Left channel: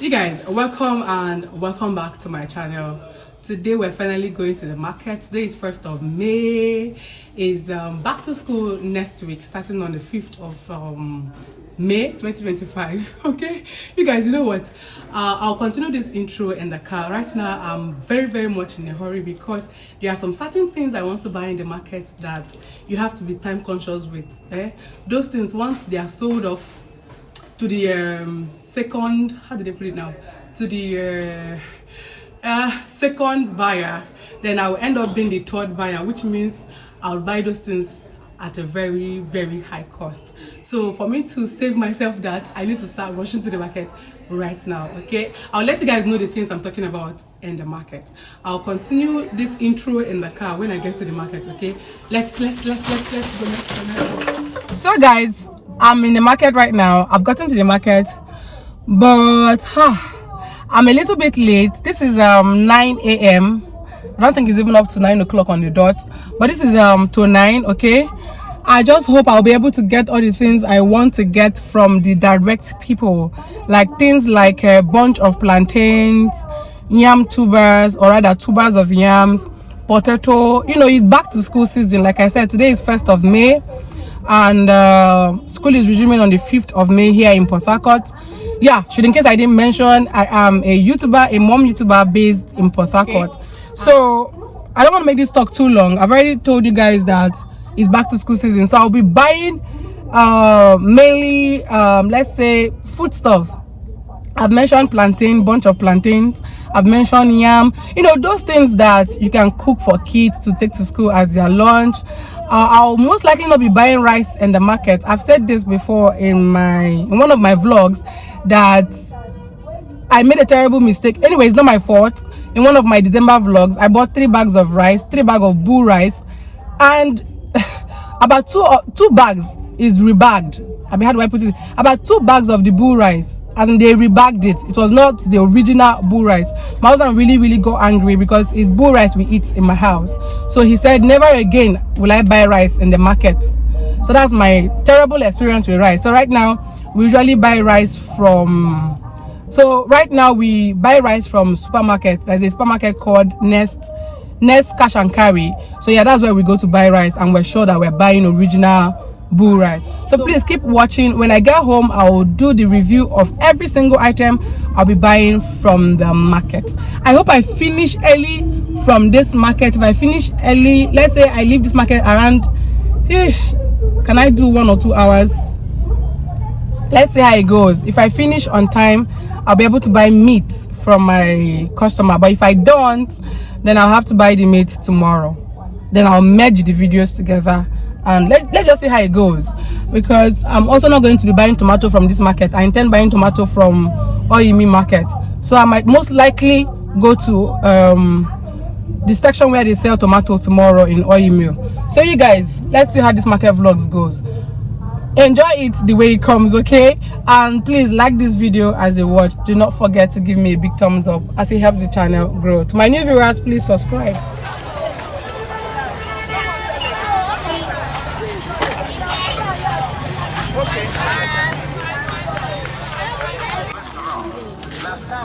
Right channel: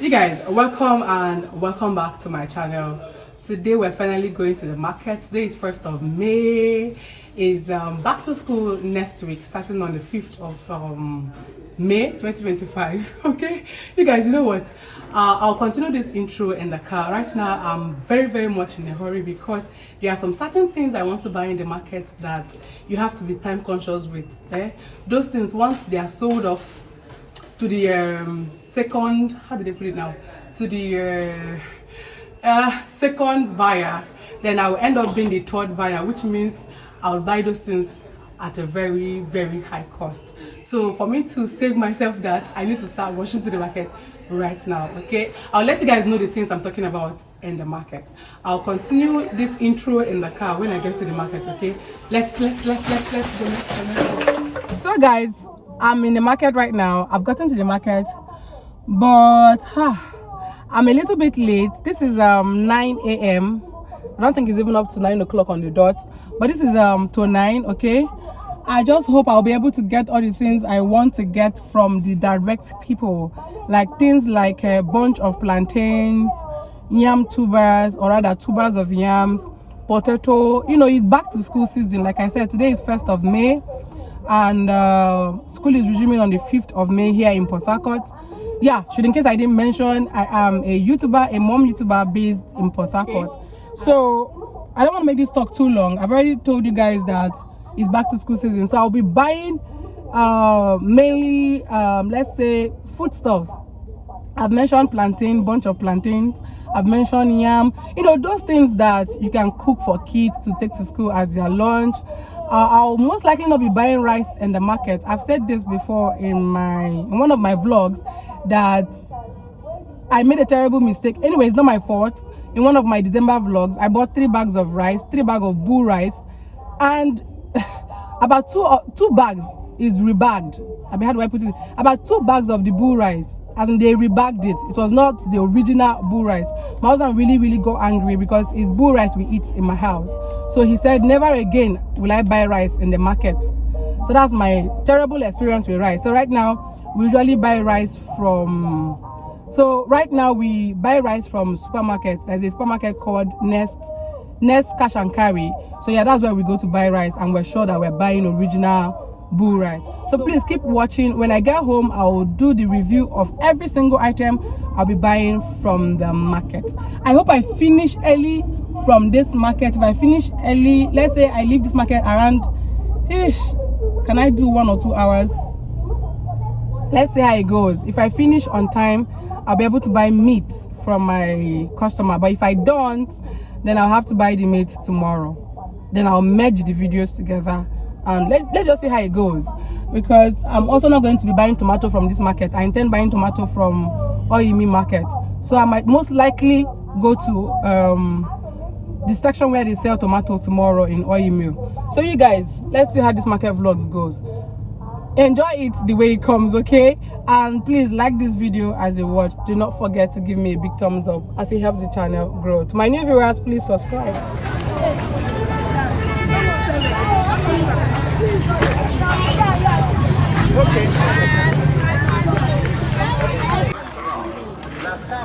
You guys, welcome back to my channel. Today we're finally going to the market. Today is 1st of May. Is back to school next week, starting on the 5th of May 2025. Okay, you guys, you know what, I'll continue this intro in the car. Right now I'm very much in a hurry because there are some certain things I want to buy in the market that you have to be time conscious with. Those things, once they are sold off to the second, how do they put it now, to the second buyer, then I will end up being the third buyer, which means I'll buy those things at a very high cost. So for me to save myself that, I need to start rushing to the market right now. Okay, I'll let you guys know the things I'm talking about in the market. I'll continue this intro in the car when I get to the market. Okay, let's go. So guys, I'm in the market right now. I've gotten to the market, but I'm a little bit late. This is 9 a.m. I don't think it's even up to 9 o'clock on the dot, but this is to 9. Okay, I just hope I'll be able to get all the things I want to get from the direct people, like things like a bunch of plantains, yam tubers, or rather tubers of yams, potato. You know, it's back to school season. Like I said, today is 1st of May. And school is resuming on the 5th of May here in Port Harcourt. Yeah, in case I didn't mention, I am a YouTuber, a mom YouTuber based in Port Harcourt. Okay. So I don't want to make this talk too long. I've already told you guys that it's back to school season, so I'll be buying mainly let's say foodstuffs. I've mentioned plantain, bunch of plantains. I've mentioned yam. You know, those things that you can cook for kids to take to school as their lunch. I'll most likely not be buying rice in the market. I've said this before in one of my vlogs that I made a terrible mistake. Anyway, it's not my fault. In one of my December vlogs, I bought 3 bags of rice, 3 bags of bull rice, and about two bags is rebagged. How do I put it? About 2 bags of the bull rice, as in they rebagged it. It was not the original bull rice. My husband really got angry because it's bull rice we eat in my house. So he said, never again will I buy rice in the market. So that's my terrible experience with rice. So right now we usually buy rice from supermarket. There's a supermarket called Nest Cash and Carry. So yeah, that's where we go to buy rice, and we're sure that we're buying original bull rice. So please keep watching. When I get home, I will do the review of every single item I'll be buying from the market. I hope I finish early from this market. If I finish early, let's say I leave this market around, can I do 1 or 2 hours? Let's see how it goes. If I finish on time, I'll be able to buy meat from my customer, but if I don't, then I'll have to buy the meat tomorrow. Then I'll merge the videos together, and let's just see how it goes, because I'm also not going to be buying tomato from this market. I intend buying tomato from Oyimi market, so I might most likely go to the section where they sell tomato tomorrow in Oyimi. So you guys, let's see how this market vlogs goes. Enjoy it the way it comes, okay? And please like this video as you watch. Do not forget to give me a big thumbs up as it helps the channel grow. To my new viewers, please subscribe.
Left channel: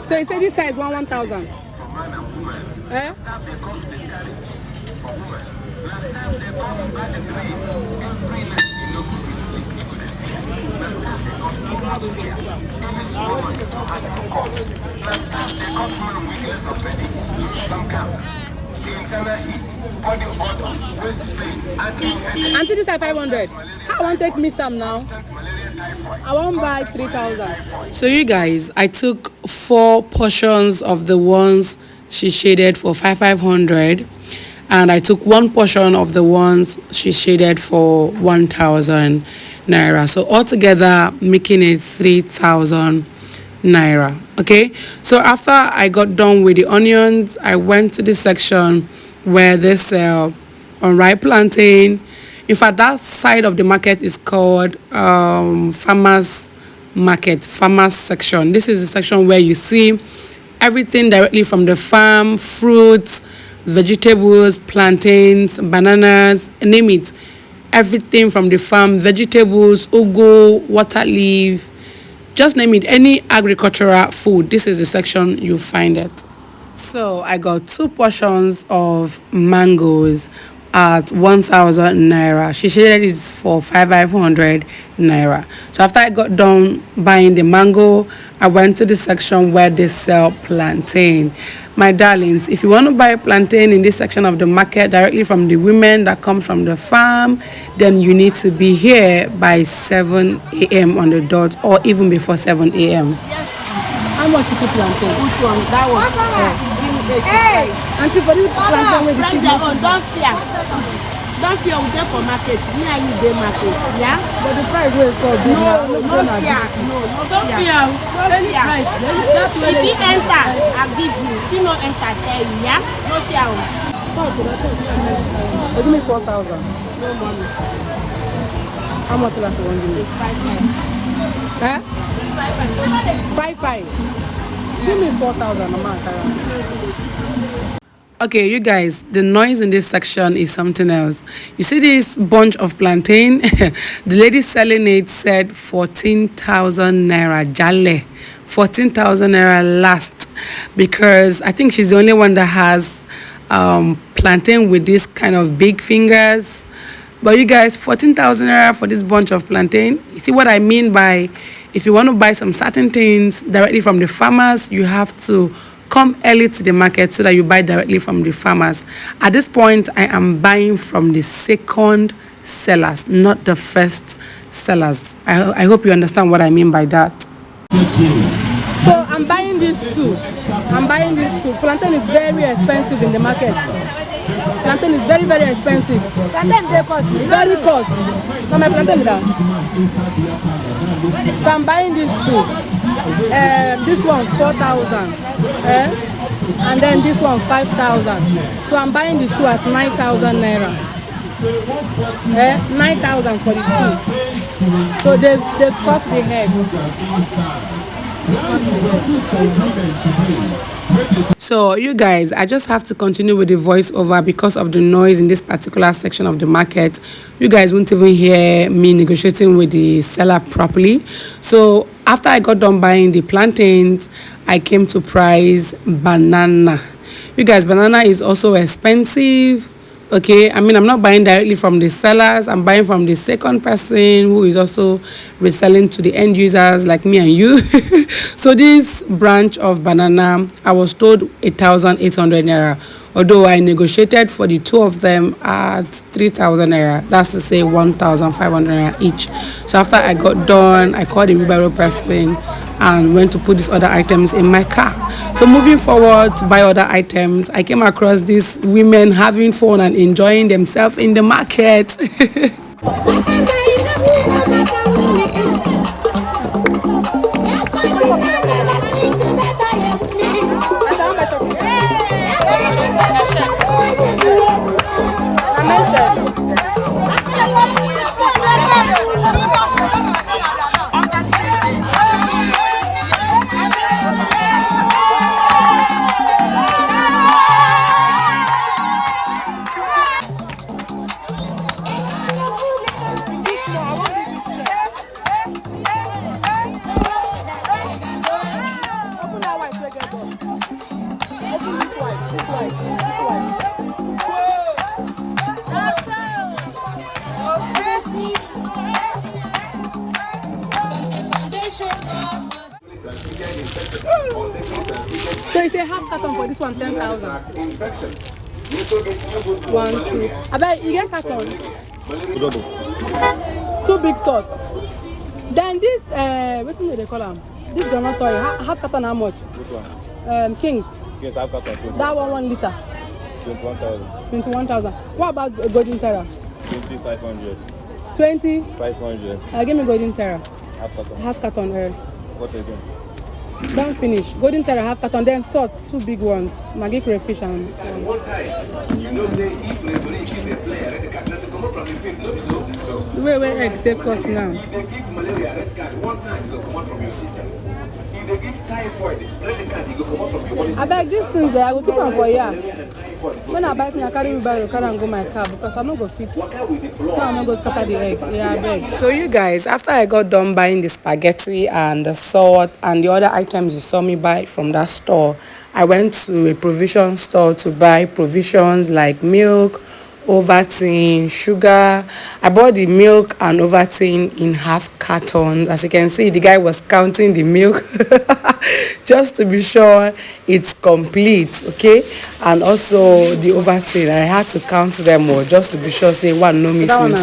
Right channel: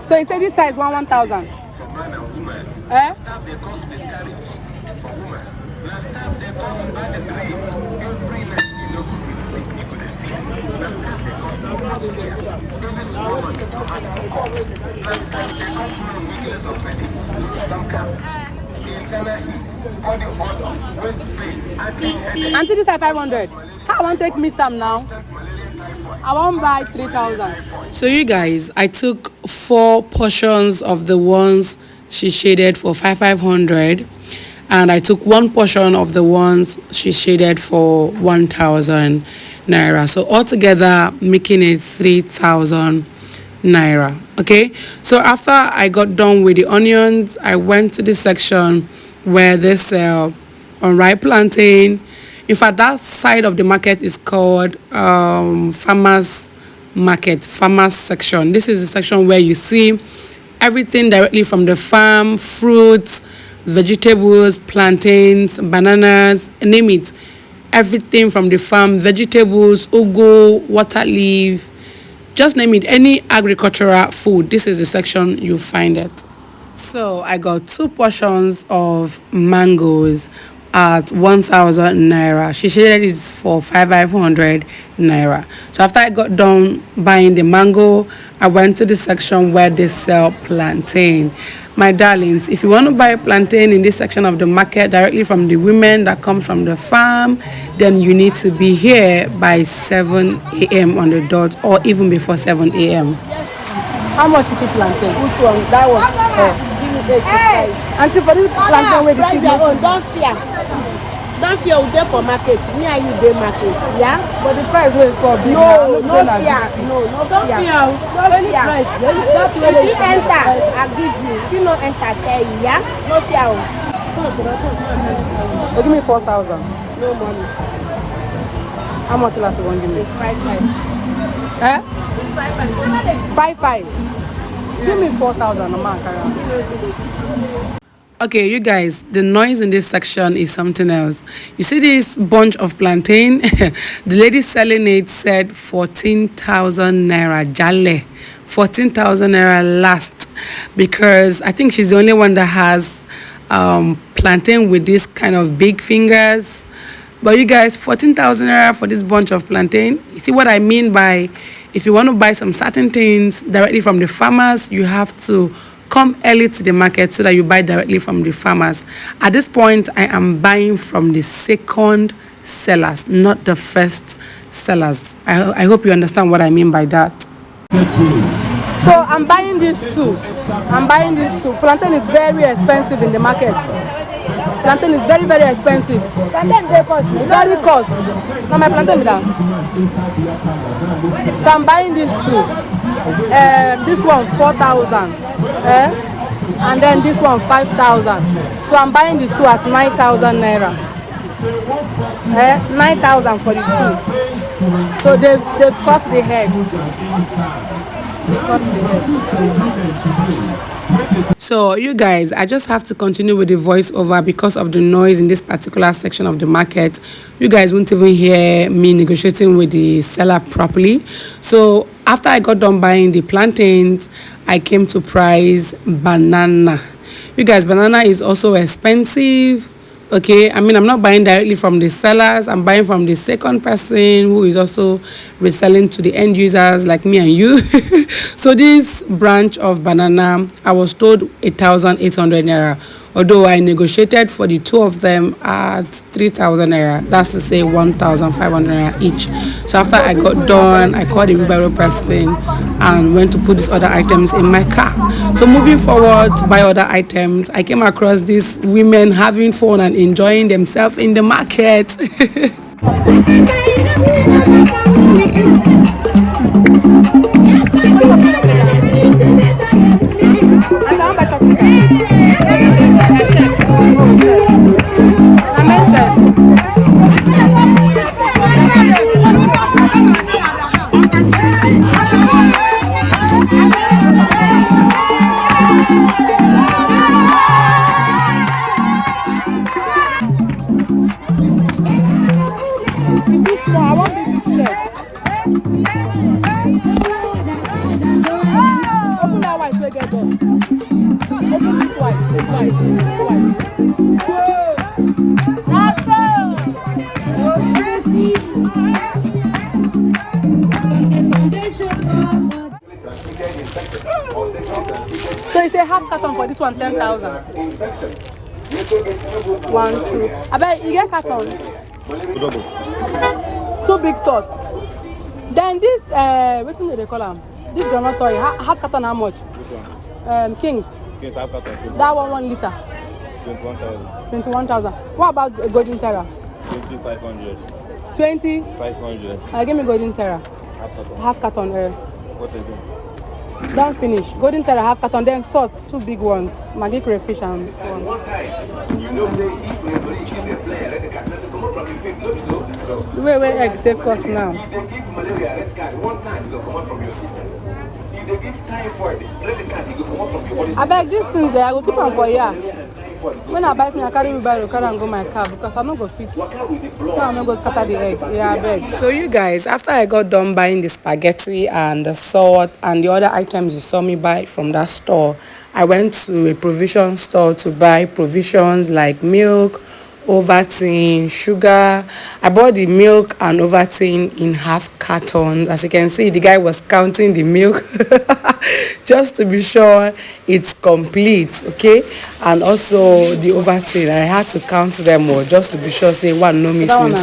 So you say this size 1,000? Eh? Auntie, this is 500. How want to take me some now? I won't buy 3,000. So you guys, I took 4 portions of the ones she shaded for 500, and I took 1 portion of the ones she shaded for 1,000 naira. So altogether making it 3,000 naira. Okay, so after I got done with the onions, I went to the section where they sell unripe plantain. In fact, that side of the market is called farmers market, farmers section. This is the section where you see everything directly from the farm, fruits, vegetables, plantains, bananas, name it. Everything from the farm, vegetables, ugu, water leaf, Just name it, any agricultural food. This is the section you find it. So I got 2 portions of mangoes at 1,000 naira. She shaded it for 500 naira. So after I got done buying the mango, I went to the section where they sell plantain. My darlings, if you want to buy plantain in this section of the market directly from the women that come from the farm, then you need to be here by 7 a.m. on the dot, or even before 7 a.m. How much is the plantain? Which one? That one. Give me 80 price. Auntie, for this plantain, where did you Oh, don't fear. Don't fear, we go for market. Me and you go market. Yeah? But the price will come. No fear. No fear. Any price. If you enter, I'll give you. If you no enter, tell you. Yeah? No fear. Give me 4,000. No money. How much last one give me? It's 5,500. Eh? It's 5,500. 5,500. Give me 4,000 a month. Okay, you guys, the noise in this section is something else. You see this bunch of plantain? The lady selling it said 14,000 naira jale. 14,000 naira last, because I think she's the only one that has plantain with this kind of big fingers. But you guys, 14,000 naira for this bunch of plantain. You see what I mean by, if you want to buy some certain things directly from the farmers, you have to come early to the market so that you buy directly from the farmers. At this point, I am buying from the second sellers, not the first sellers. I hope you understand what I mean by that. So I'm buying these two. Plantain is very expensive in the market. Plantain is very, very expensive. Plantain they cost. Very cost. Now my plantain is down. So I'm buying these two. This one 4,000. And then this one 5,000. So I'm buying the two at 9,000 naira. 9,000 for the two. So they've cost the head. So you guys, I just have to continue with the voiceover because of the noise in this particular section of the market. You guys won't even hear me negotiating with the seller properly. So after I got done buying the plantains, I came to price banana. You guys, banana is also expensive. Okay, I mean, I'm not buying directly from the sellers. I'm buying from the second person who is also reselling to the end users like me and you. So this branch of banana, I was told 1,800 naira. Although I negotiated for the two of them at 3,000 naira. That's to say 1,500 naira each. So after I got done, I called the wheelbarrow person and went to put these other items in my car. So moving forward to buy other items, I came across these women having fun and enjoying themselves in the market. So you say half carton for this one, 10,000. 1, 2. I bet you get carton. 2 big salt. Then this, what do they call them? This donatory, half carton how much? Kings. That one 1 liter. 21,000. What about golden terra? 2,500. 20,500. Give me golden terra. Half carton. What again? Don't finish. Golden terra half carton, then salt 2 big ones. Maggi crayfish and one. The way egg take cost now. I beg these things there, I will keep them for here. When I buy things, I carry wheelbarrow, carry and go my car because I'm not going to fit. I'm not going to scatter the egg. Yeah, I beg. So you guys, after I got done buying the spaghetti and the salt and the other items you saw me buy from that store, I went to a provision store to buy provisions like milk, Ovaltine, sugar. I bought the milk and Ovaltine in half cartons. As you can see, the guy was counting the milk just to be sure it's complete, okay? And also the Ovaltine, I had to count them all just to be sure, say one no missing.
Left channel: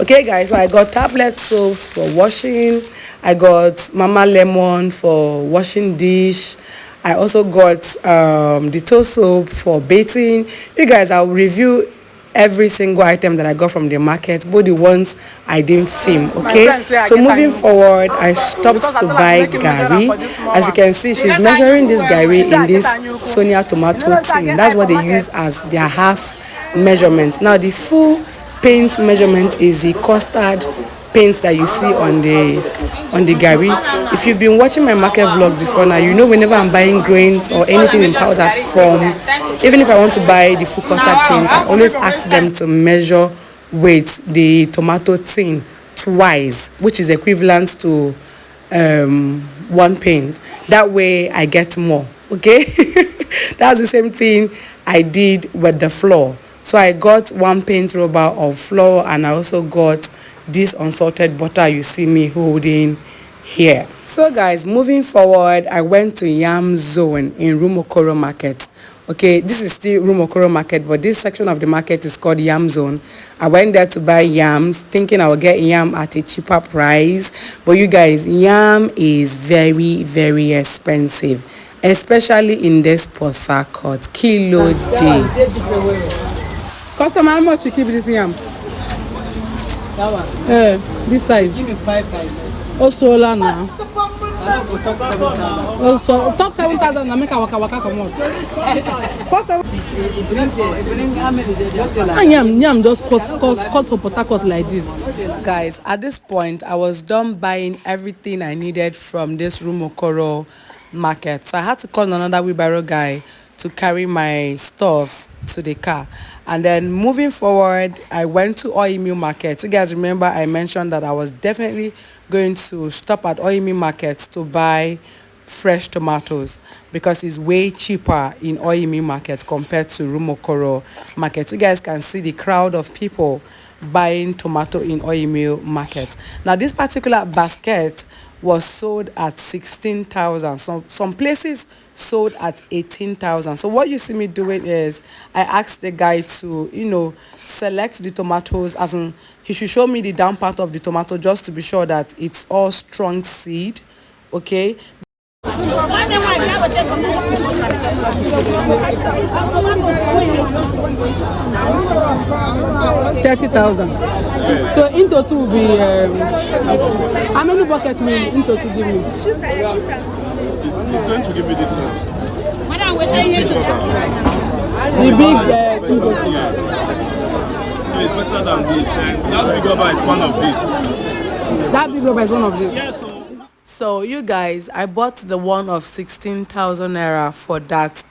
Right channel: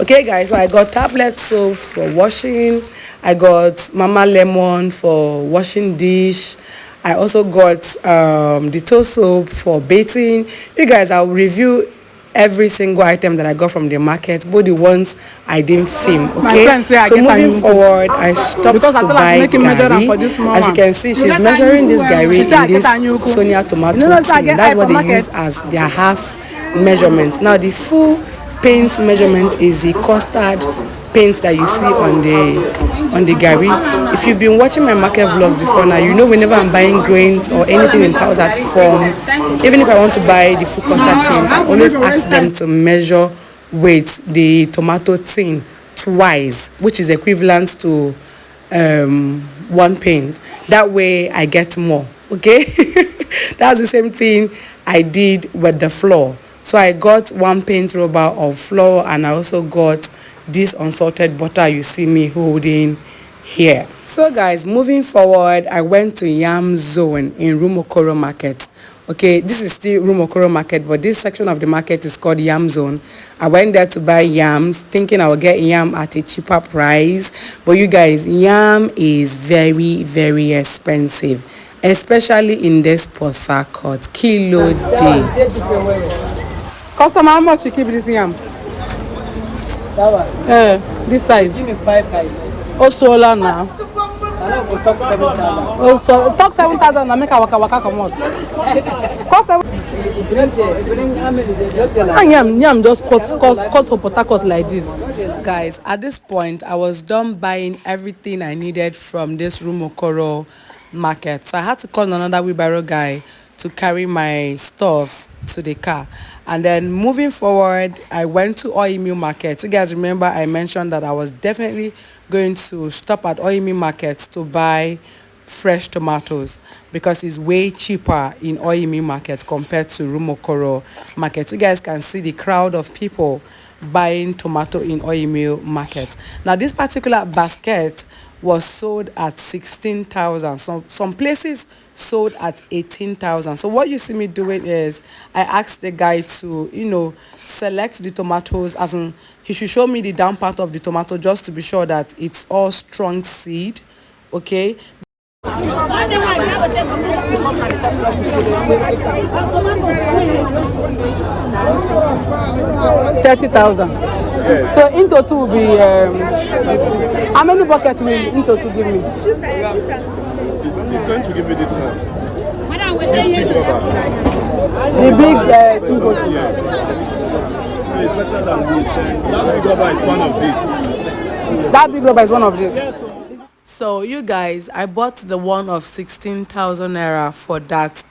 Okay guys, so I got tablet soaps for washing. I got Mama Lemon for washing dish. I also got Detox soap for bathing. You guys, I'll review every single item that I got from the market, both the ones I didn't film, okay? So moving forward, I stopped to buy gari. As you can see, she's measuring this gari in this Sonia tomato tin. That's what they use as their half measurement. Now the full paint measurement is the custard paint that you see on the gari. If you've been watching my market vlog before now, you know whenever I'm buying grains or anything in powdered form, even if I want to buy the full custard paint, I always ask them to measure weight the tomato tin twice, which is equivalent to one paint. That way I get more, okay? That's the same thing I did with the flour. So I got one paint rubber of flour, and I also got this unsalted butter you see me holding here. So guys, moving forward, I went to Yam Zone in Rumokoro Market. Okay, this is still Rumokoro Market, but this section of the market is called Yam Zone. I went there to buy yams, thinking I would get yam at a cheaper price. But you guys, yam is very, very expensive, especially in this Port Harcourt. Kilo day. Customer, how much you keep this yam? That one. This size. Give me 5,000. Also, now. I don't go talk 7,000. Also, talk 7,000 and make a waka come out. Cost yam just cost for Port Harcourt like this. So guys, at this point, I was done buying everything I needed from this Rumokoro market. So I had to call another wheelbarrow guy to carry my stuffs to the car. And then moving forward, I went to Oimi Market. You guys remember I mentioned that I was definitely going to stop at Oimi Market to buy fresh tomatoes because it's way cheaper in Oimi Market compared to Rumokoro Market. You guys can see the crowd of people buying tomato in Oimi Market. Now this particular basket was sold at 16,000. Some places sold at 18,000. So what you see me doing is I asked the guy to, select the tomatoes, as in he should show me the down part of the tomato just to be sure that it's all strong seed, okay? 30,000. So in total will be how many buckets will in total give me? He's going to give you this one. This big rubber. The big 2 bottles. Yes. So it's better than this. And that big rubber is one of these. That big rubber is one of these. Yes. So you guys, I bought the one of 16,000 naira for that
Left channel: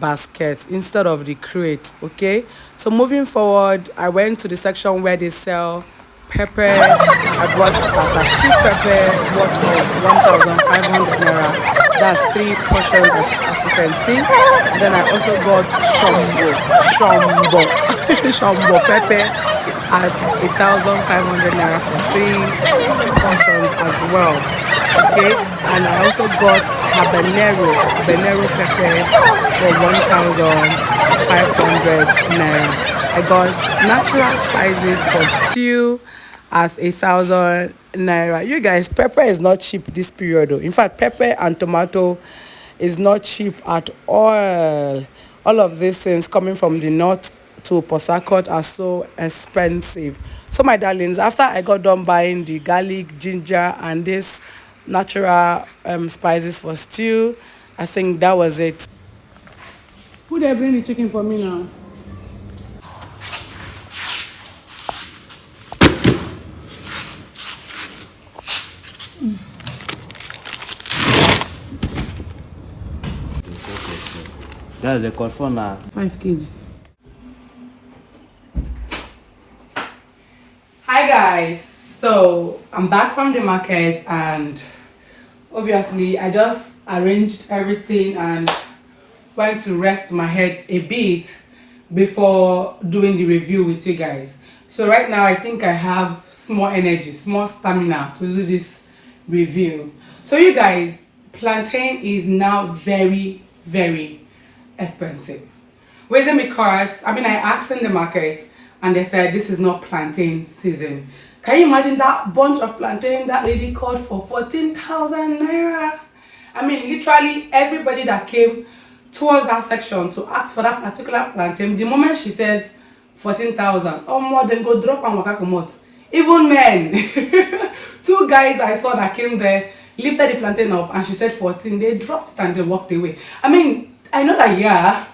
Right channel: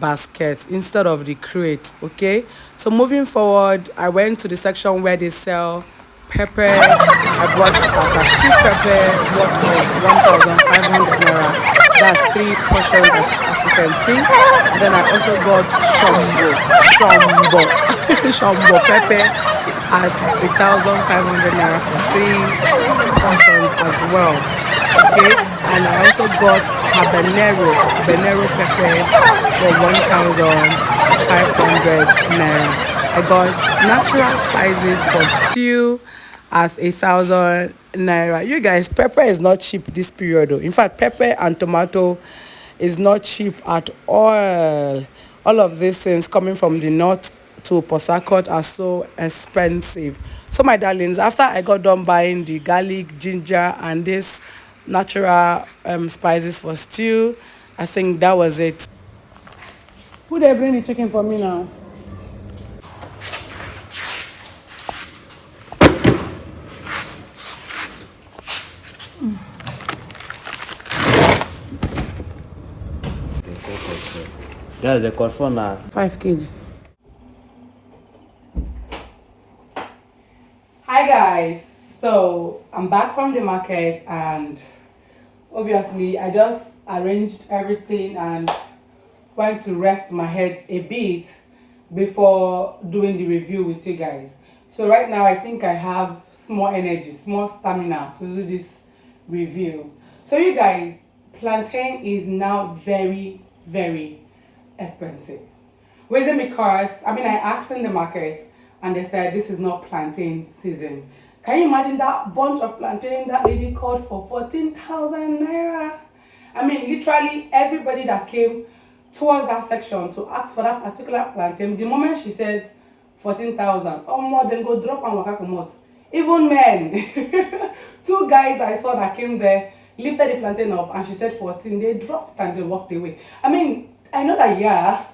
basket instead of the crate, okay? So moving forward, I went to the section where they sell pepper. I bought attache pepper worth of 1,500 naira. That's 3 portions as you can see. And then I also got shombo pepper at 1,500 naira for 3 portions as well. Okay, and I also got habanero pepper for 1,500 naira. I got natural spices for stew at 1,000 naira. You guys, pepper is not cheap this period though. In fact, pepper and tomato is not cheap at all. All of these things coming from the north to Port Harcourt are so expensive. So my darlings, after I got done buying the garlic, ginger, and this natural spices for stew, I think that was it. Who they bring the chicken for me now? That's a cost for now. 5 kg. Hi guys, so I'm back from the market and obviously I just arranged everything and went to rest my head a bit before doing the review with you guys. So right now I think I have small energy, small stamina to do this review. So you guys, plantain is now very expensive. Reason because I asked in the market and they said this is not plantain season. Can you imagine that bunch of plantain that lady called for 14,000 naira? Literally everybody that came towards that section to ask for that particular plantain, the moment she said 14,000 or more, then go drop and waka comot. Even men. 2 guys I saw that came there lifted the plantain up and she said 14. They dropped it and they walked away. I know that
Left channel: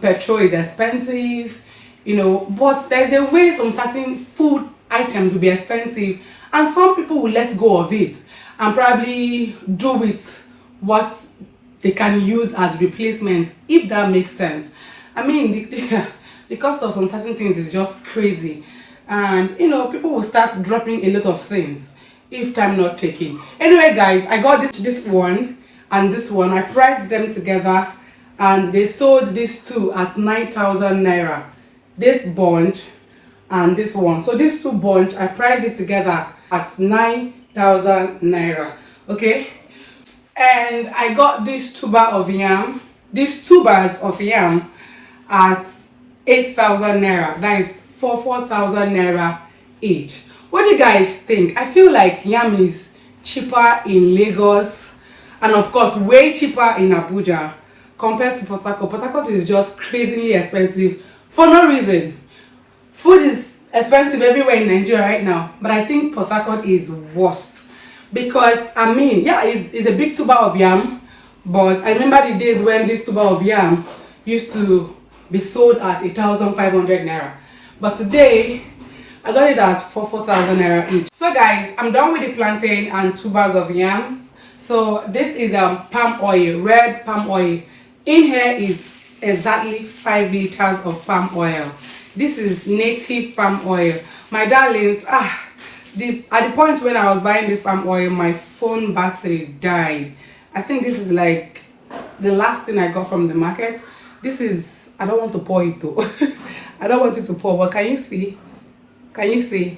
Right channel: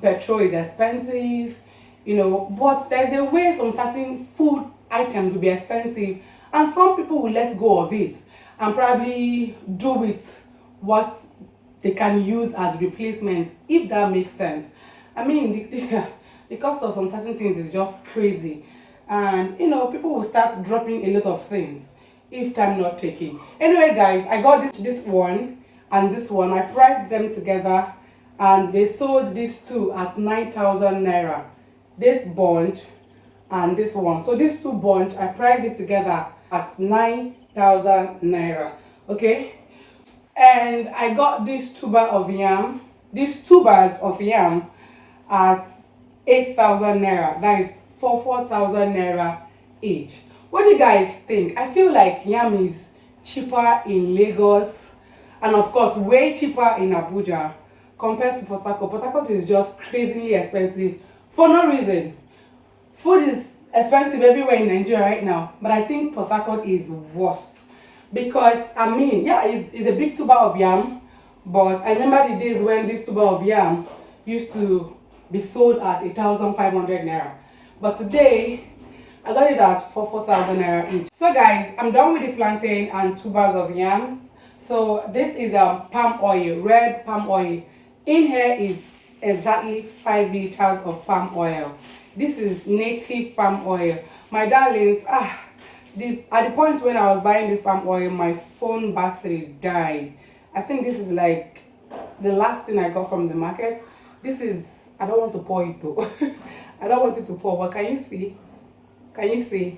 petrol is expensive, but there's a way some certain food items will be expensive and some people will let go of it and probably do with what they can use as replacement, if that makes sense. The cost of some certain things is just crazy, and people will start dropping a lot of things if time not taken. Anyway guys, I got this one and this one. I priced them together and they sold these 2 at 9,000 naira. This bunch and this one. So these 2 bunch, I priced it together at 9,000 naira. Okay, and I got these tubers of yam at 8,000 naira. That is 4,000 naira each. What do you guys think? I feel like yam is cheaper in Lagos and of course way cheaper in Abuja compared to Port Harcourt. Port Harcourt is just crazily expensive for no reason. Food is expensive everywhere in Nigeria right now, but I think Port Harcourt is worst because it's a big tuber of yam, but I remember the days when this tuber of yam used to be sold at 1,500 naira, but today I got it at 4,000 naira each. So guys, I'm done with the plantain and tubers of yam. So this is palm oil, red palm oil. In here is exactly 5 liters of palm oil. This is native palm oil. My darlings, at the point when I was buying this palm oil, my phone battery died. I think this is like the last thing I got from the market. This is, I don't want to pour it though. I don't want it to pour, but can you see? Can you see?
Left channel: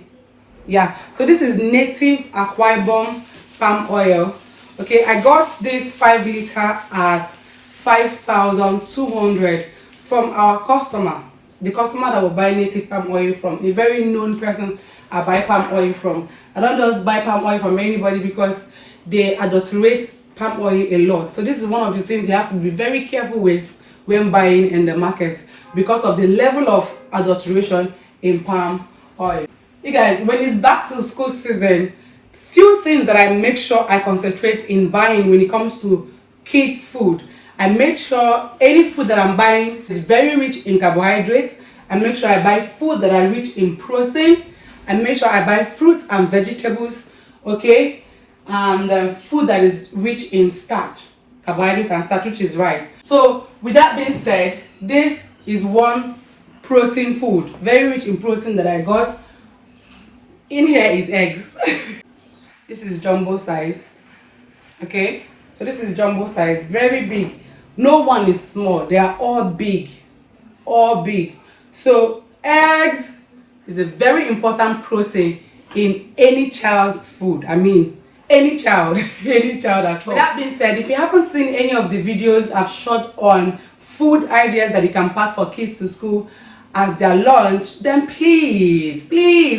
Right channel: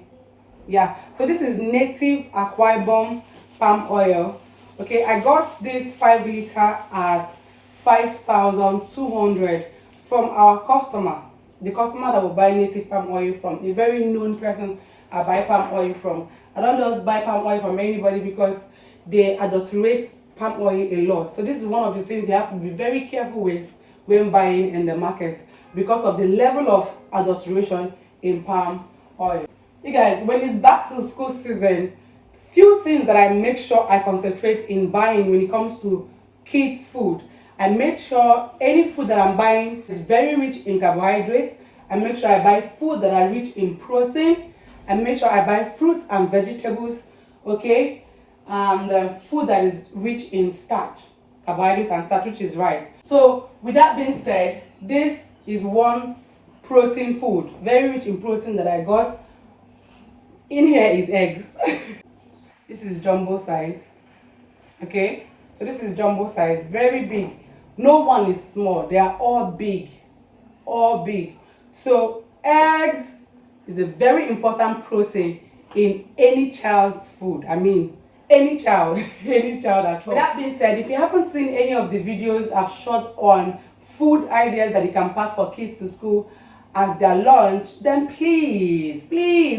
Yeah, so this is native Akwa Ibom palm oil. Okay, I got this 5 liter at 5,200 from our customer, the customer that will buy native palm oil from, a very known person I buy palm oil from. I don't just buy palm oil from anybody because they adulterate palm oil a lot. So this is one of the things you have to be very careful with when buying in the market because of the level of adulteration in palm oil. You guys, when it's back to school season, few things that I make sure I concentrate in buying when it comes to kids food. I make sure any food that I'm buying is very rich in carbohydrates. I make sure I buy food that are rich in protein. I make sure I buy fruits and vegetables, okay, and food that is rich in starch, carbohydrate and starch, which is rice. So with that being said, this is one protein food, very rich in protein that I got. In here is eggs. This is jumbo size. Okay, so this is jumbo size, very big. No one is small, they are all big, all big. So eggs is a very important protein in any child's food. Any child, any child at all. With that being said, if you haven't seen any of the videos I've shot on food ideas that you can pack for kids to school as their lunch, then please,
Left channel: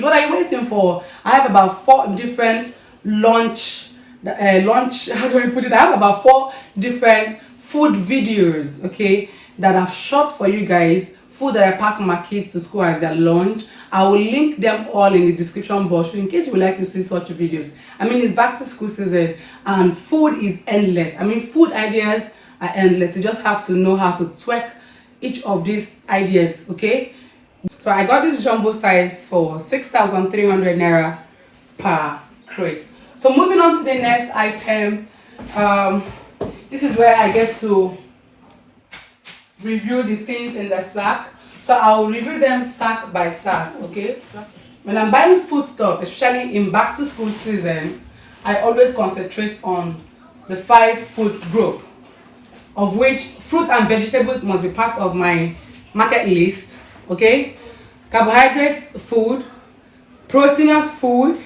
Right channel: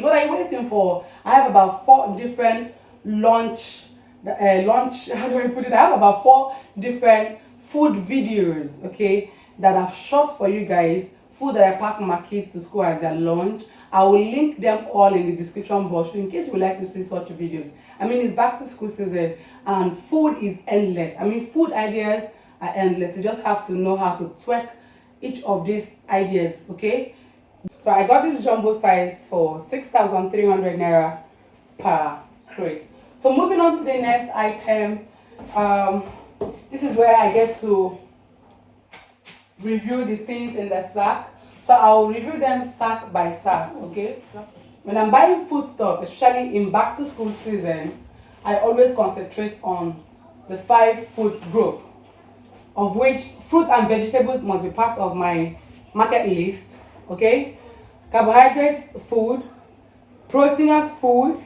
what are you waiting for? I have about 4 different lunch, how do I put it? I have about 4 different food videos, okay, that I've shot for you guys, food that I pack my kids to school as their lunch. I will link them all in the description box in case you would like to see such videos. It's back to school season and food is endless. Food ideas are endless. You just have to know how to tweak each of these ideas, okay? So I got this jumbo size for 6,300 naira per crate. So moving on to the next item, this is where I get to review the things in the sack. So I will review them sack by sack, okay? When I'm buying food stuff, especially in back to school season, I always concentrate on the 5 food group, of which fruit and vegetables must be part of my market list, okay? Carbohydrate food, proteinous food,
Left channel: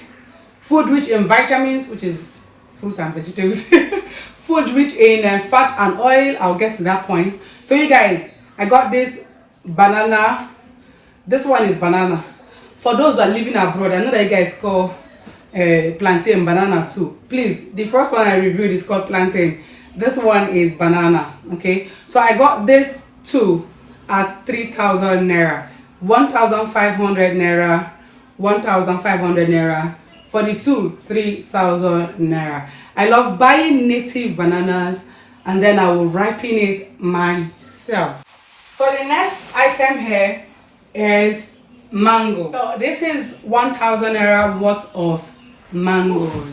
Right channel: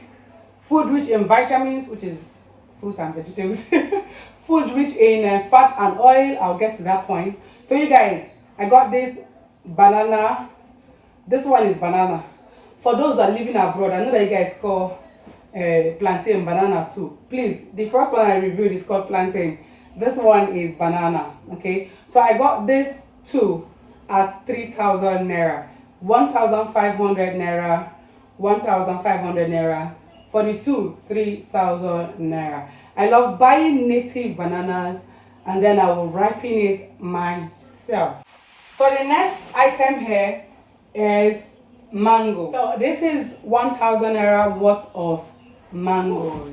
food rich in vitamins, which is fruit and vegetables, food rich in fat and oil. I'll get to that point. So you guys, I got this banana. This one is banana. For those who are living abroad, I know that you guys call plantain banana too. Please, the first one I reviewed is called plantain. This one is banana, okay? So I got this two at 3,000 naira, 1,500 naira, 1,500 naira. For the two, 3,000 naira. I love buying native bananas and then I will ripen it myself. So the next item here is mango. So this is 1,000 naira worth of mangoes.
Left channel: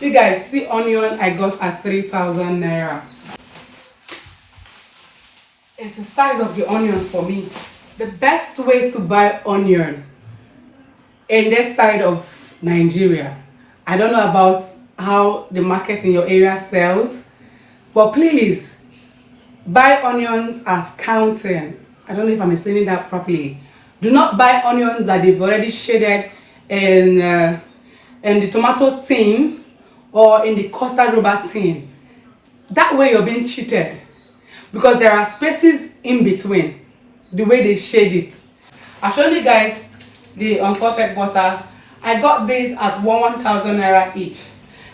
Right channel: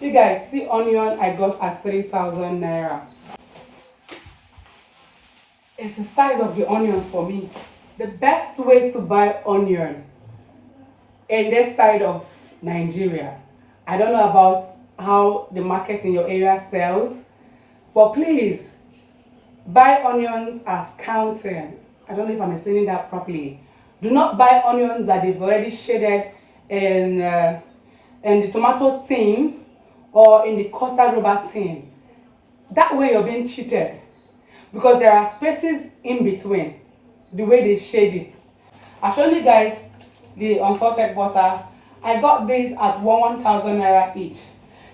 You guys see onion I got at 3,000 naira. It's the size of the onions for me. The best way to buy onion in this side of Nigeria, I don't know about how the market in your area sells, but please buy onions as counting. I don't know if I'm explaining that properly. Do not buy onions that they've already shaded in the tomato tin or in the custard rubber tin. That way you're being cheated, because there are spaces in between the way they shade it. I'll show you guys the unsalted butter. I got this at 1,000 naira each.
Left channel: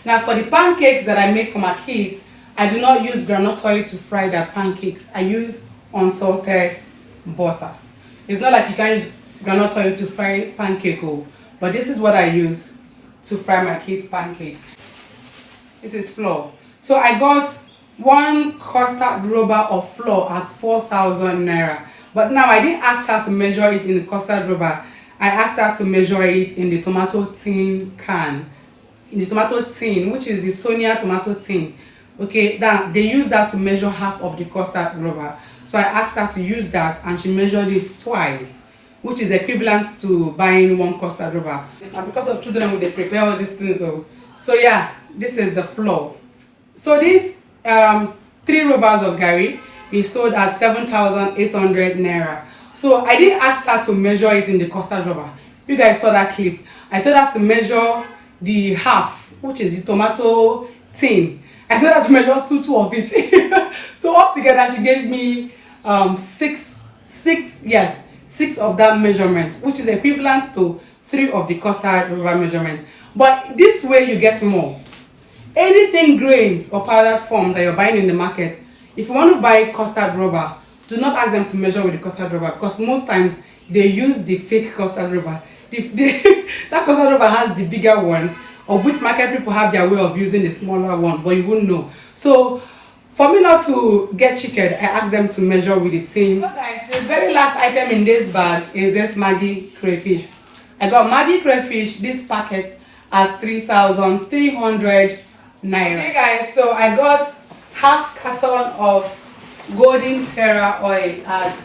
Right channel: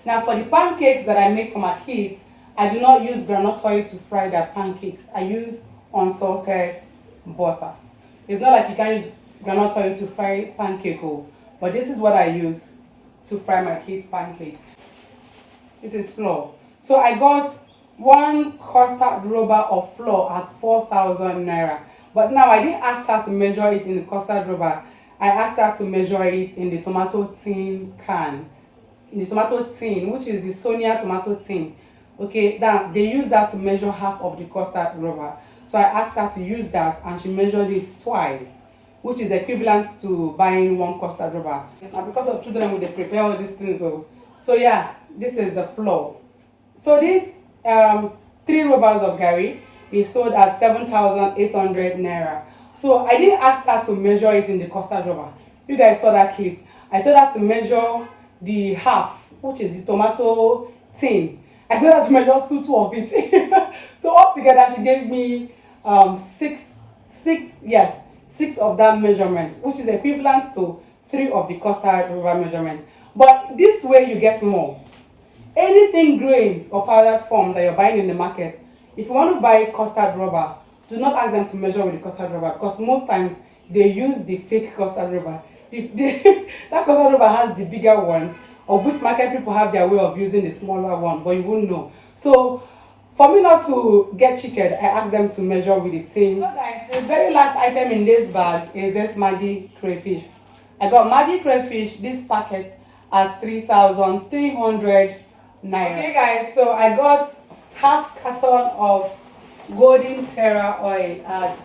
Now for the pancakes that I make for my kids, I do not use groundnut oil to fry their pancakes. I use unsalted butter. It's not like you can use groundnut oil to fry pancake, but this is what I use to fry my kids' pancake. This is flour. So I got one custard rubber of flour at 4,000 naira. But now I didn't ask her to measure it in the custard rubber. I asked her to measure it in the tomato tin can. In the tomato tin, which is the Sonia tomato tin. Okay, that they use that to measure half of the custard rubber. So I asked her to use that and she measured it twice, which is equivalent to buying one custard rubber. And because of children, they prepare all these things. So yeah, this is the flour. So this 3 rubbers of gari is sold at 7,800 naira. So I didn't ask her to measure it in the custard rubber. You guys saw that clip. I told her to measure the half, which is the tomato tin. I told her to measure two of it. So altogether she gave me 6 of that measurement, which is equivalent to 3 of the custard rubber measurement. But this way you get more. Anything grains or powdered form that you're buying in the market, if you want to buy custard rubber, do not ask them to measure with the custard rubber, because most times they use the fake custard rubber. That custard rubber has the bigger one, of which market people have their way of using the smaller one, but you won't know. So for me not to get cheated, I asked them to measure with the tin. So guys, the very last item in this bag is this Maggi crayfish. I got Maggi crayfish, this packet, at 3,300 naira. Okay guys, so I got half carton of golden terra oil at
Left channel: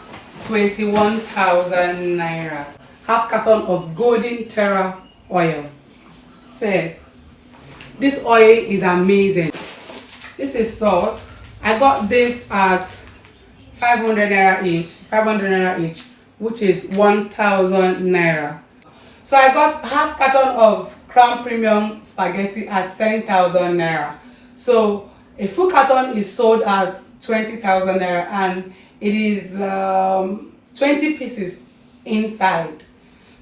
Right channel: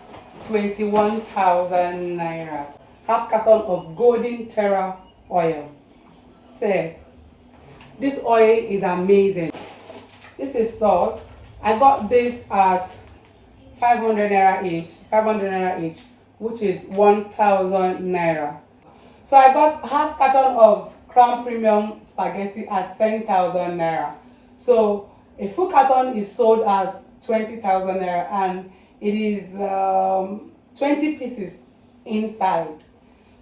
21,000 naira. Half carton of golden terra oil. Say it. This oil is amazing. This is salt. I got this at 500 naira each, which is 1,000 naira. So I got half carton of Crown Premium spaghetti at 10,000 naira. So a full carton is sold at 20,000 naira, and it is 20 pieces inside.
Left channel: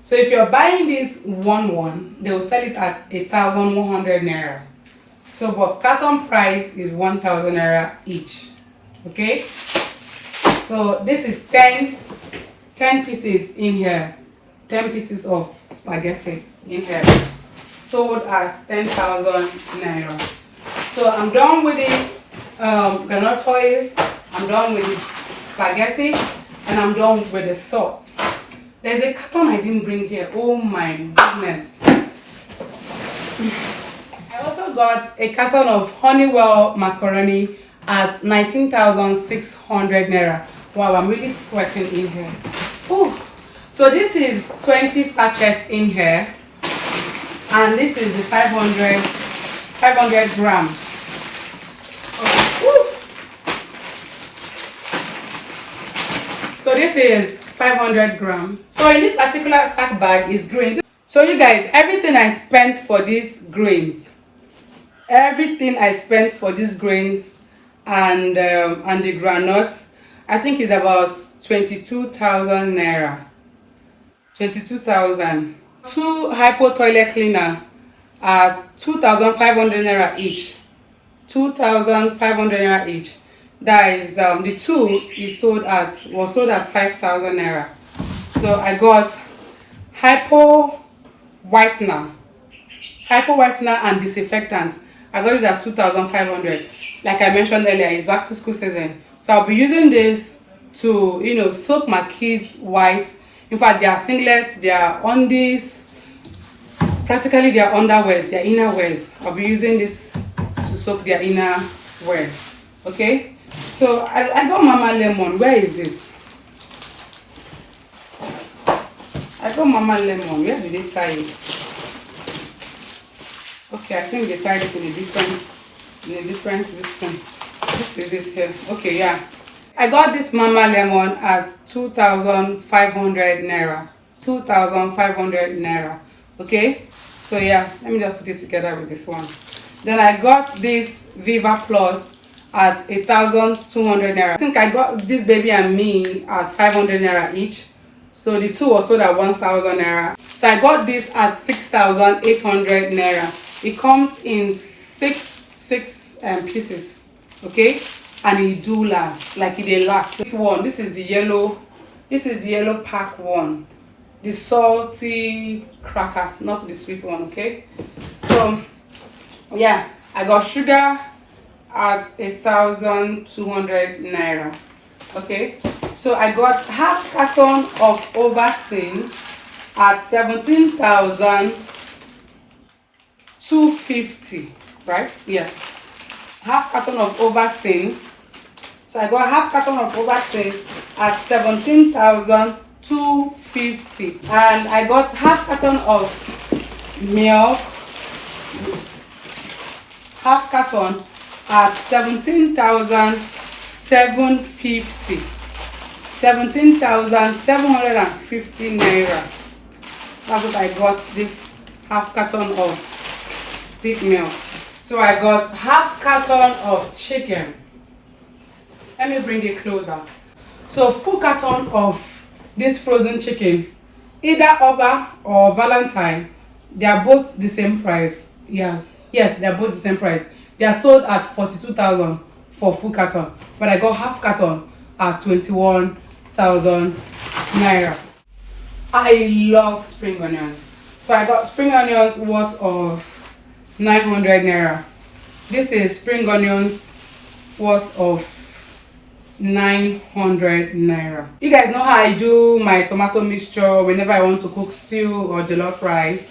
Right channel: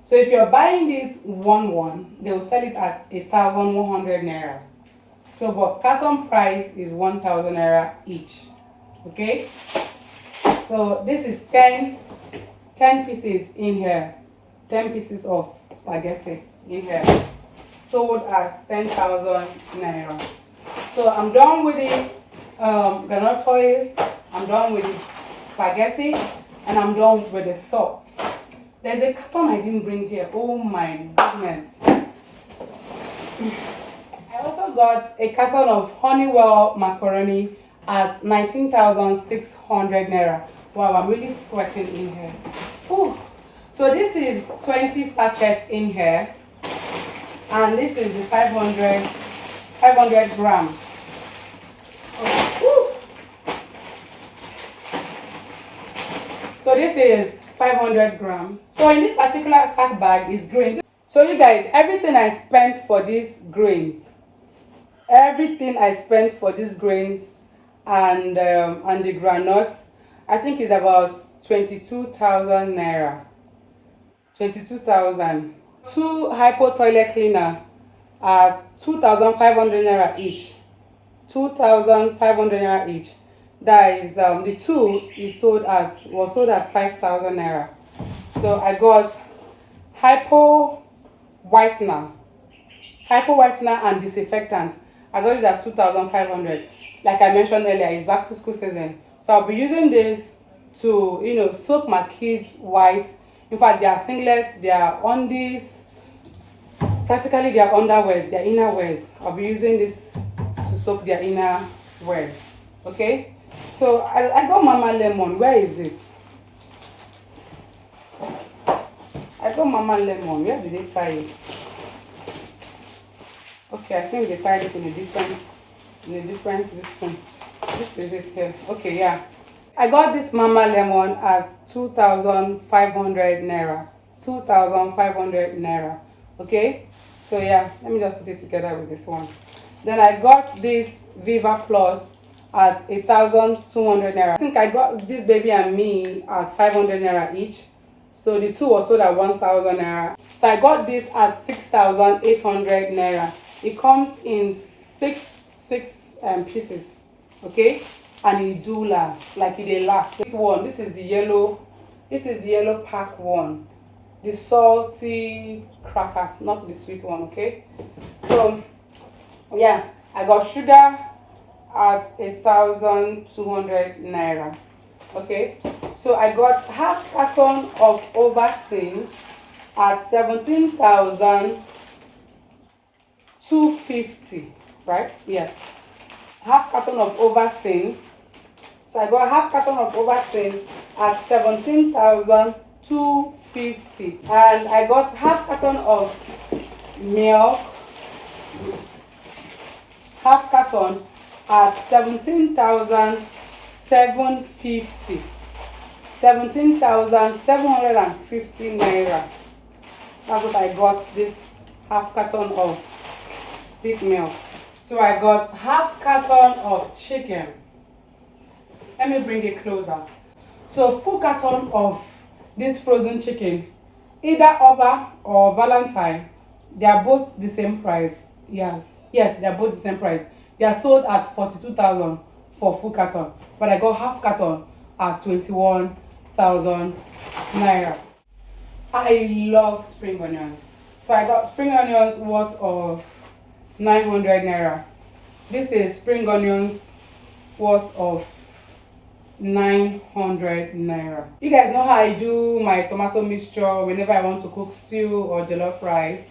So if you're buying this one, they will sell it at 1,100 naira. So but carton price is 1,000 naira each. Okay. So this is 10 pieces in here. 10 pieces of spaghetti in here. Sold at 10,000 naira. So I'm done with the groundnut oil, I'm done with the spaghetti, and I'm done with the salt. There's a carton I didn't bring here. Oh my goodness. I also got a carton of Honeywell macaroni at 19,600 naira, Wow, I'm really sweating in here. Oh, so this is 20 sachets in here, and this is the 500 gram. So this is 500 grams. So in this particular sack bag is grains. So you guys, everything I spent for these grains, and the granuts, I think is about 22,000 naira. 22,000. 2 hypo toilet cleaner are 2,500 naira each. 2,500 naira each. That is the 2 was sold at 5,000 naira. So I got hypo whitener and disinfectant. I got it at 2,500. Like I mentioned earlier, it's back to school season, so I'll be using this to, you know, soak my kids white. In fact, their singlets, their undies, practically their underwears, their inner wears. I'll be using this to soak their inner wears. Okay, so I got Mama Lemon. Where is it? I got Mama Lemon. Where did they tie it? Okay, I think they tied it in a different this thing. This is it here. Okay, yeah. I got this Mama Lemon at 2,500 naira. 2,500 naira. Okay, so yeah, let me just put it together with this one. Then I got this Viva Plus at 1,200 naira. I think I got this Baby and Me at 500 naira each. So the 2 was sold at 1,000 naira. So I got this at 6,800 naira. It comes in six pieces, okay, and it do last, like it last. This is the yellow pack one, the salty crackers, not the sweet one. Okay, so yeah, I got sugar at 1,200 naira. Okay, so I got half carton of Ovaltine at 17,250, right? Yes, half carton of Ovaltine. So I got half carton of Ovaltine at 17,250, and I got half carton of milk, half carton at 17,750. 17,750 naira. That's what I got, this half carton of big milk. So I got half carton of chicken. Let me bring it closer. So full carton of this frozen chicken, either Oba or Valentine, they are both the same price. Yes, they are both the same price. They are sold at 42,000 for full carton, but I got half carton at 21,000 naira. I love spring onions, so I got spring onions worth of 900 naira. This is spring onions worth of 900 naira. You guys know how I do my tomato mixture whenever I want to cook stew or jollof rice.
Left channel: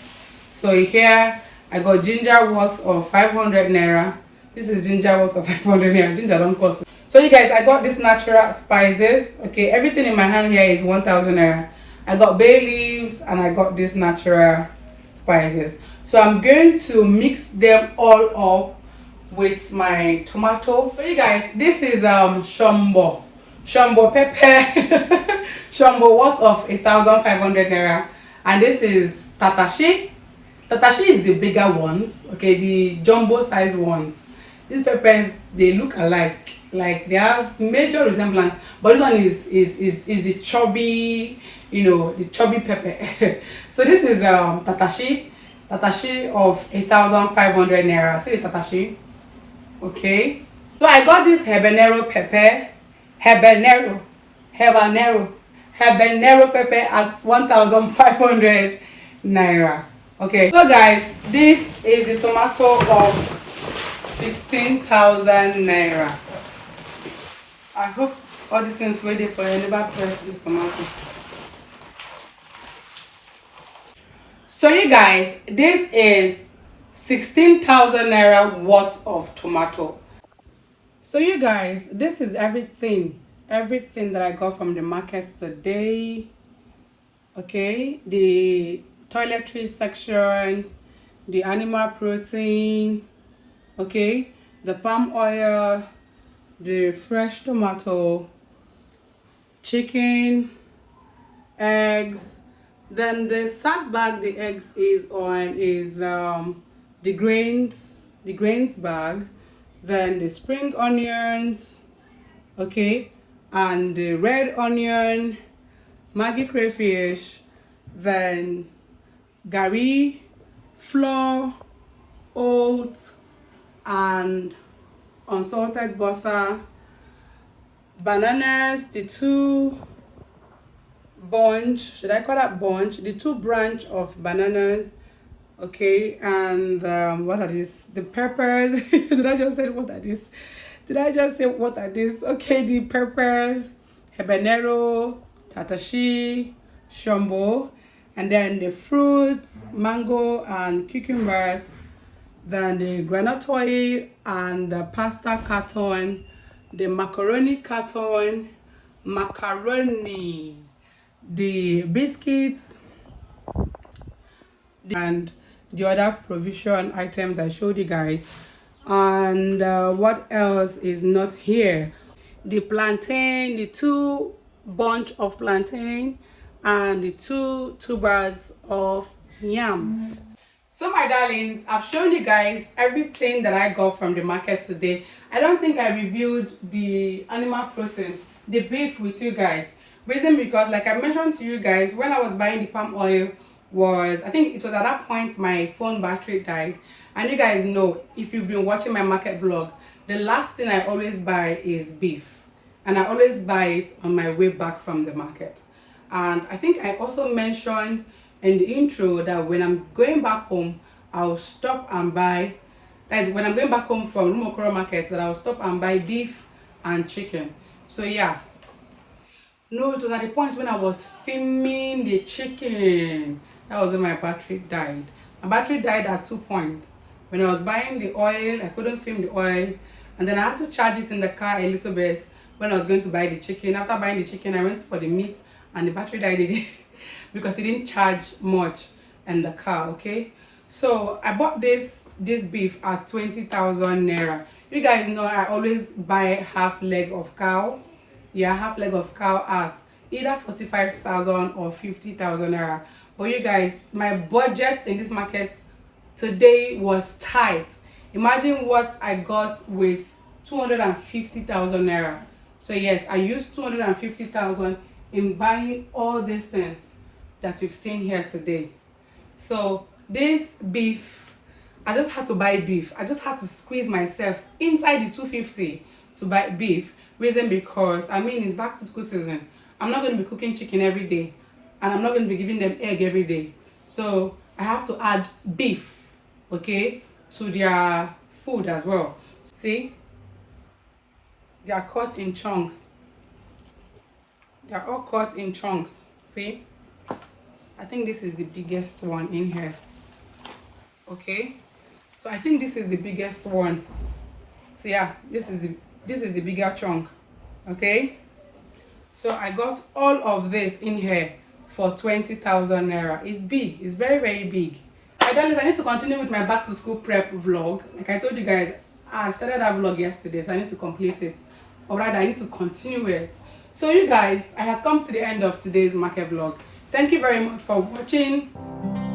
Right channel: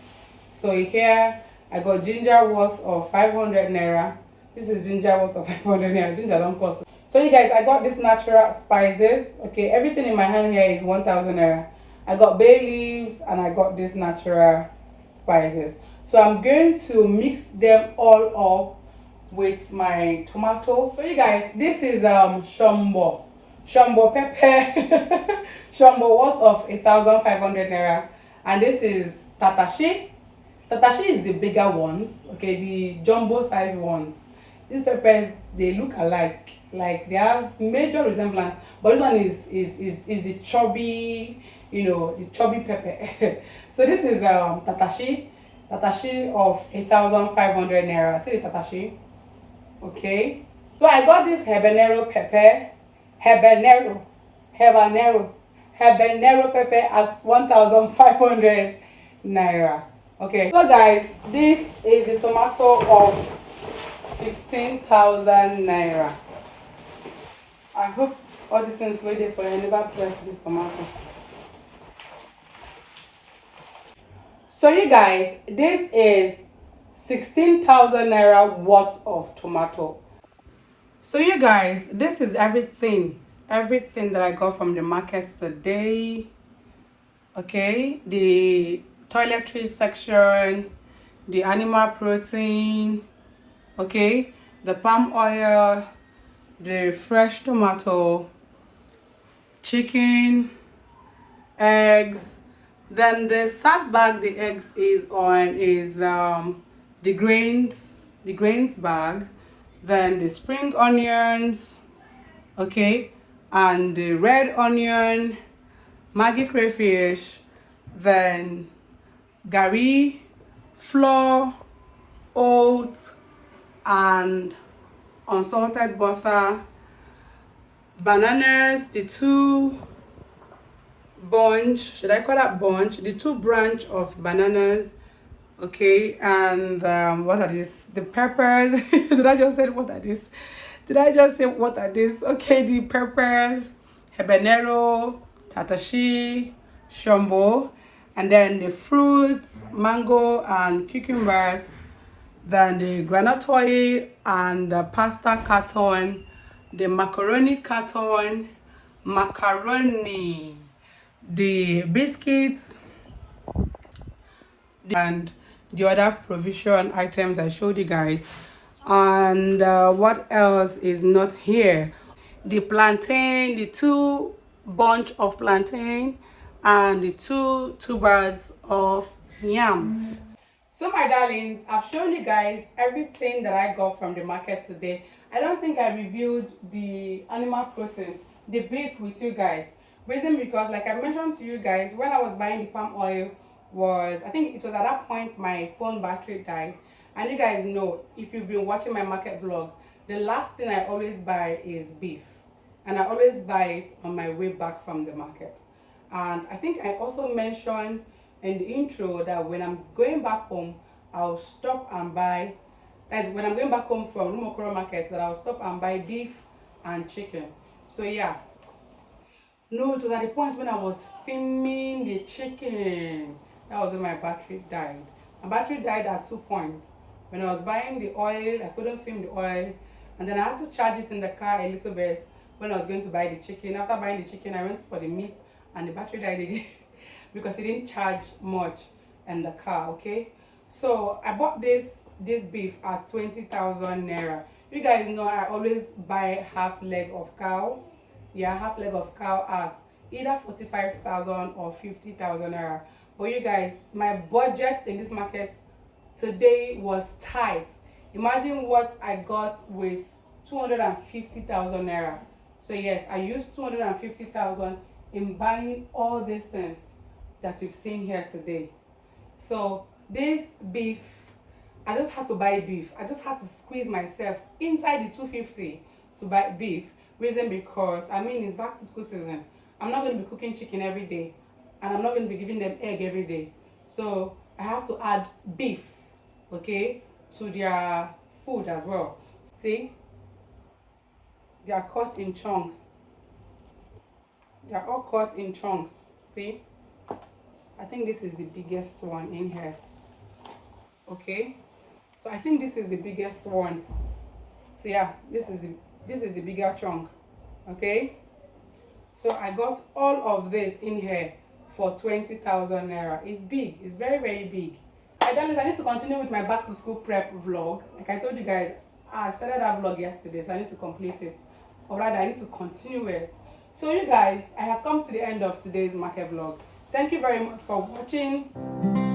So here I got ginger worth of 500 naira. This is ginger worth of 500 naira. Ginger don't cost. So you guys, I got this natural spices. Okay, everything in my hand here is 1,000 naira. I got bay leaves and I got this natural spices. So I'm going to mix them all up with my tomato. So you guys, this is shombo pepper. Shombo worth of 1,500 naira, and this is tatashi. Tatashi is the bigger ones, okay, the jumbo size ones. These peppers, they look alike, like they have major resemblance, but this one is the chubby, you know, the chubby pepper. So this is tatashi of 1,500 naira. See the tatashi. Okay, so I got this habanero pepper, habanero pepper at 1,500 naira. Okay, so guys, this is the tomato of 16,000 naira. I hope all these things ready for you. Never press this tomato. So you guys, this is 16,000 naira worth of tomato. So you guys, this is everything everything that I got from the market today. Okay, the toiletries section, the animal protein, okay, the palm oil, the fresh tomato, chicken, eggs. Then the sack bag the eggs is on is the grains bag. Then the spring onions, okay, and the red onion, Maggi crayfish, then gari, flour, oats, and unsalted butter, bananas, the two bunch, should I call that bunch? The two branch of bananas, okay, and what are these? The peppers. Did I just say what are these? Did I just say what are these? Okay, the peppers, habanero, tatashi, shombo, and then the fruits, mango and cucumbers, then the granite oil and the pasta carton, the macaroni carton, macaroni, the biscuits, and the other provision items I showed you guys. And what else is not here? The plantain, the two bunch of plantain, and the two tubers of yam. So my darlings, I've shown you guys everything that I got from the market today. I don't think I reviewed the animal protein, the beef, with you guys. Reason because, like I mentioned to you guys, when I was buying the palm oil, I think it was at that point my phone battery died. And you guys know, if you've been watching my market vlog, the last thing I always buy is beef, and I always buy it on my way back from the market. And I think I also mentioned in the intro that when I'm going back home, I'll stop and buy, like when I'm going back home from Rumokoro market, that I'll stop and buy beef and chicken. So yeah, no, it was at the point when I was filming the chicken, that was when my battery died. My battery died at 2 points. When I was buying the oil, I couldn't film the oil, and then I had to charge it in the car a little bit when I was going to buy the chicken. After buying the chicken, I went for the meat, and the battery died again because it didn't charge much in the car. Okay, so I bought this beef at 20,000 naira. You guys know I always buy half leg of cow. Yeah, half leg of cow at either 45,000 or 50,000 naira. But you guys, my budget in this market today was tight. Imagine what I got with 250,000 naira. So yes, I used 250,000 in buying all these things that you've seen here today. So this beef, I just had to buy beef. I just had to squeeze myself inside the 250 to buy beef. Reason because, I mean, it's back to school season. I'm not going to be cooking chicken every day, and I'm not going to be giving them egg every day. So I have to add beef, okay, to their food as well. See, they are cut in chunks. They are all cut in chunks. See, I think this is the biggest one in here. Okay, so I think this is the biggest one. So yeah, this is the bigger chunk. Okay, so I got all of this in here for 20,000 naira. It's big. It's very, very big. My darlings, I need to continue with my back to school prep vlog. Like I told you guys, I started that vlog yesterday, so I need to complete it, or rather I need to continue it. So you guys, I have come to the end of today's market vlog. Thank you very much for watching.